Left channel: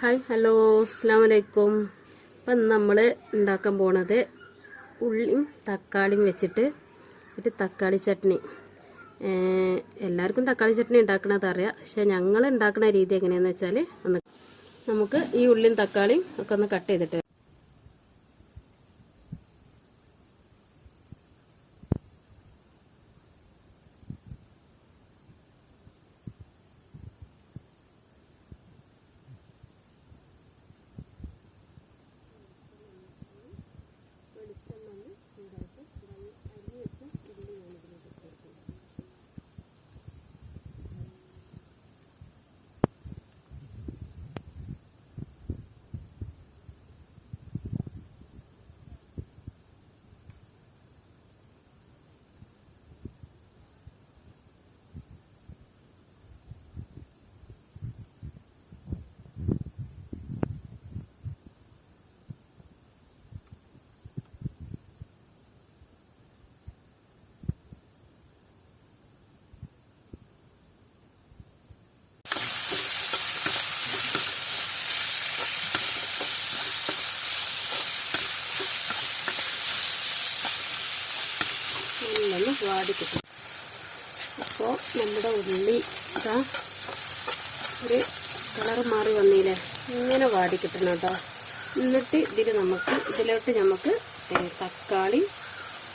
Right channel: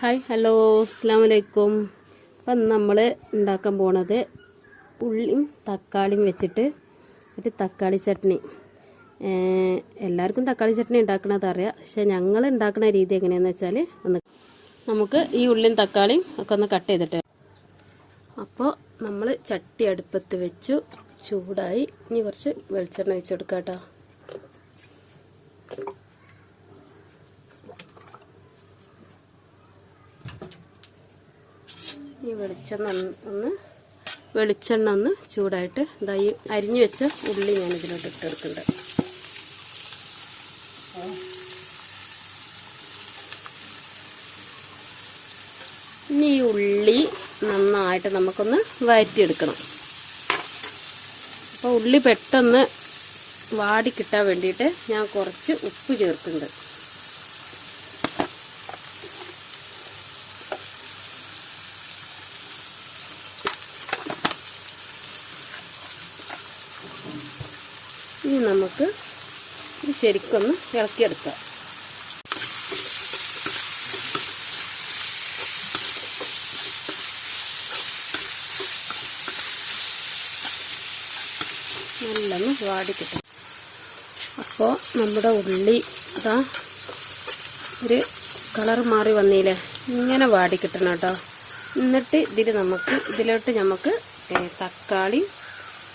Hi hello അസ്സാം വലൈക്കും അപ്പം നമ്മൾ ഉണ്ടാക്കാൻ പോണത് ഉള്ളിയും തക്കാളിയും വെച്ചിട്ട് ഒരു തക്കാളി ചട്നി. എല്ലാവർക്കും തക്കാളി ചട്നി ഉണ്ടാക്കണത് അറിയാം. പക്ഷെ ഞങ്ങൾ ഉണ്ടാക്കുന്ന രീതി എങ്ങനെയാണെന്ന് വെച്ചാൽ ഒന്ന് നമുക്ക് ഈ ഉള്ളിയും തക്കാളിയും ഒക്കെ ഒന്ന് കട്ട് ചെയ്തിട്ട്. അപ്പോൾ നമ്മൾ ചട്ടി അടുപ്പത്ത് വെച്ചു. ചൂടായി. ഇനി കുറച്ച് വെളിച്ചെണ്ണ ഒഴിച്ച് കൊടുക്കാം കേട്ടോ ഈ വെളിച്ചെണ്ണ ഒന്ന് വെളിച്ചെണ്ണ ഒന്ന് ചൂടായിട്ട് ഇതാ അരിഞ്ഞു വെച്ച ഉള്ളി ഞാൻ ഇതിലോട്ട് ഇട്ടെടുക്കുന്നുണ്ട്. ഇനി ഈ ഉള്ളി നന്നായിട്ട് നമുക്കൊന്ന് വഴറ്റിയെടുക്കണം അപ്പോൾ ഉള്ളി പെട്ടെന്ന് വാടി കിട്ടാൻ വേണ്ടിയിട്ട് ഞാൻ കുറച്ച് ഉപ്പ് ചേർക്കുന്നുണ്ട്. ഇനി നമുക്ക് ഇത് ശരിക്കൊന്ന് ഇളക്കിയെടുക്കാം. നല്ലൊന്ന് വാടി കിട്ടും അപ്പോൾ നമ്മുടെ ഉള്ളി ഇതാ ഒരു കളർ മാറി വന്നില്ലേ ഇങ്ങനെ വാടി കിട്ടണം കേട്ടോ. എന്നിട്ട് ഇതിൽ നമുക്ക് ഇതിലോട്ട് നമുക്ക് തക്കാളി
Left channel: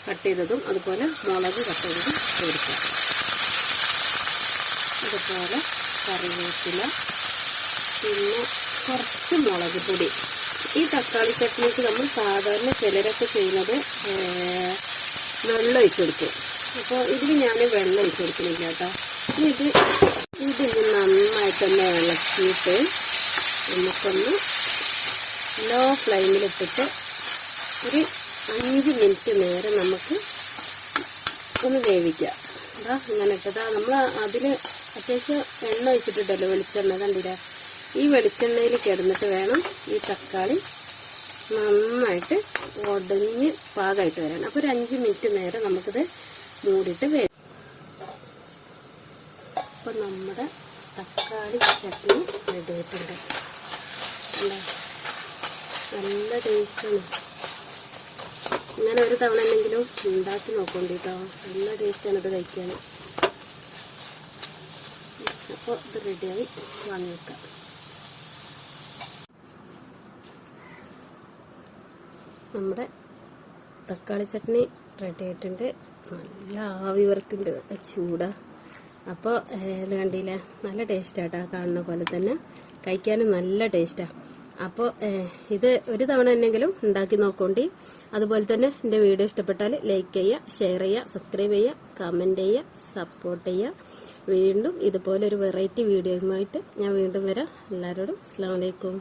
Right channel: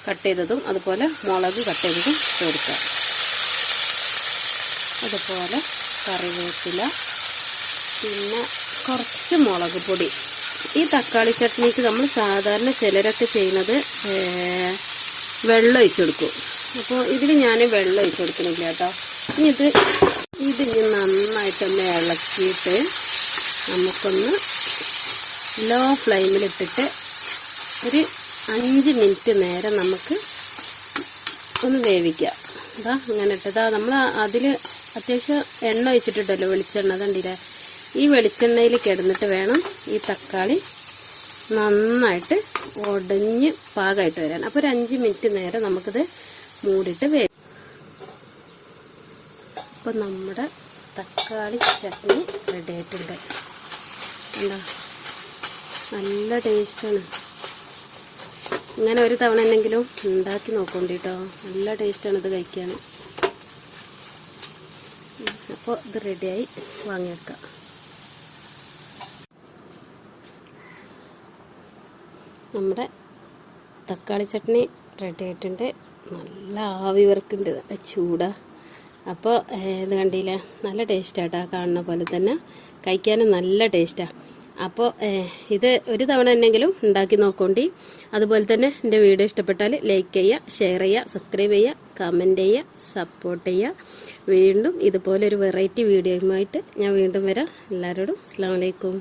കട്ട് ചെയ്തതും അതുപോലെ മുളക് കട്ട് ചെയ്തതും കൊടുക്കാം. അതുപോലെ കറിവേപ്പില പിന്നെ കുറച്ച് മുളക് പൊടി. ഈ തക്കാളി ചട്നിക്ക് നമ്മൾ സാധാരണ ചിലരൊക്കെ ചെയ്യുന്നത് വെള്ളം ഒഴിച്ചു കൊടുക്കും. അപ്പോൾ ഇതിൽ ഞാൻ വെള്ളം ഒഴിച്ചു കൊടുക്കുന്നില്ല കേട്ടോ. ഇത് ഇതിന് നന്നായിട്ടൊന്ന് ഇളക്കിയിട്ട് നമുക്കൊന്ന് ലോ ഫ്ലെയിമിലിട്ടിട്ട് ഒരു അഞ്ച് മിനിറ്റ് നേരം നമുക്ക് ഒന്ന് വേവിക്കാം. അതാ ഇങ്ങനെ ഇട്ടതാ. നമ്മൾ അതിൽ അത്യാവശ്യം എണ്ണ ഒഴിച്ചിട്ടുണ്ടല്ലോ വെളിച്ചെണ്ണ കണ്ടില്ലേ? ഈ വെളിച്ചെണ്ണയിൽ കിടന്നിട്ട് വേണം ഈ തക്കാളി നന്നായിട്ട് ഒടിഞ്ഞ് പാകമായിട്ട് വരാൻ. അപ്പോൾ ഒരു അഞ്ച് മിനിറ്റ് നേരം നമുക്കിത് മൂടിയിട്ട് വേ അപ്പം നമ്മുടെ തക്കാളി ചട്നി റെഡി ആയിട്ടുണ്ട്. നല്ല ടേസ്റ്റാണ് ഇങ്ങനെ ഒരു തവണ എന്തെങ്കിലും ഉണ്ടാക്കി നോക്കണ്ട കേട്ടോ നല്ല ടേസ്റ്റാണ് ഇത് കഴിക്കാൻ. അപ്പോൾ ഇത് റെഡിയായി വാങ്ങിയേക്കാം. നമ്മുടെ തക്കാളി ചട്നി റെഡി ആയിട്ടുണ്ട്. നല്ല ആവി വർക്കുണ്ട് ചൂടാ. അപ്പോൾ ഇത് കണ്ടില്ലേ? നല്ല ടേസ്റ്റാട്ടാ കാണുന്ന പോലെ തന്നെ. കഴിക്കാനും നല്ല ടേസ്റ്റാണ് അപ്പോൾ ഇത് ഒരു തവണ എന്നെങ്കിലും ഉണ്ടാക്കി നോക്കോണ്ടി. അതുപോലെ തന്നെ എന്റെ വീഡിയോ ഇഷ്ടപ്പെട്ടാൽ ലൈക്ക് ചെയ്യുക ഷെയർ ചെയ്യുക സബ്സ്ക്രൈബ് ചെയ്യുക കമന്റ് ചെയ്യുക സപ്പോർട്ട് ചെയ്യുക വീണ്ടും ഇതുപോലൊരു വെറൈറ്റി വീഡിയോയുമായിട്ട് ഞാൻ വീണ്ടും വരാം. എല്ലാവരോടും അസ്സാം വലൈക്കും